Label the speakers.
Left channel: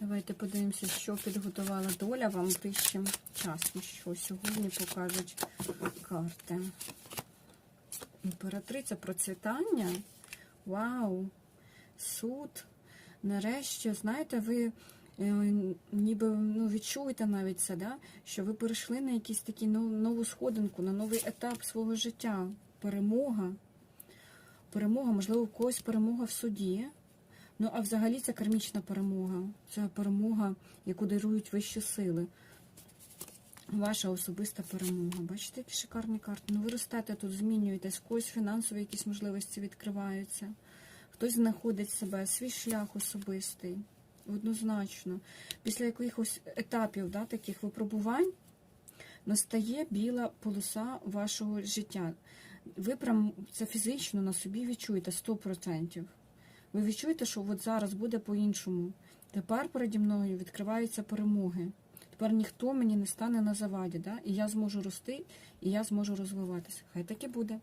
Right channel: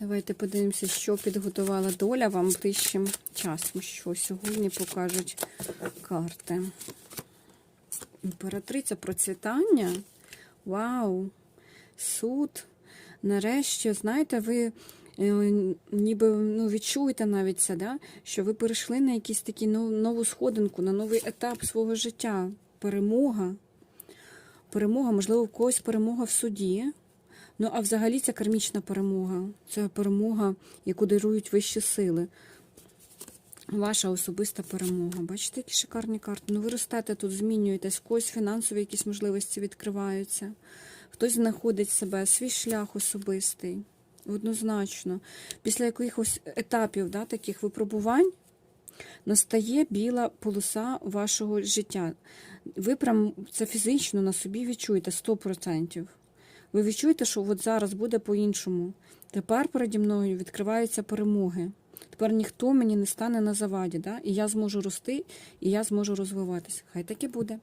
Speaker 1: Давайте подивимося, що підготувала доля вам ближчим часом, що сьогодні покажуть карти. Імператриця процвітання. Вау! Суд. Нарешті, знаєте, ви е, ніби ну, відчуєте навіть це, да? що ви перейшли на якийсь такий нов- нову сходинку, на новий етап свого життя. Перемога. Перемога, можливо, в когось перемога в суді. Ну, а взагалі це кармічна перемога. Це перемога, яку дарують вищі сили. Ваша особиста перемога. Бачите, які шикарні карти. Ну, ви ростете тут, змінюєтесь, когось фінансові якісь можливості відкриваються. Хтось знаходить себе, свій шлях особистий. Однозначно. Після якихось етапів, да, таких випробувань, настає біла полоса вашого життя. Ви прям це фізично на собі відчуєте 100%. Ви відчуєте, що от зараз буде по-іншому. Тепер переді мною відкриваються перемоги. Тепер ніхто мені не стане на заваді, да? і я зможу рости, і я зможу розвиватися. Хай так і буде.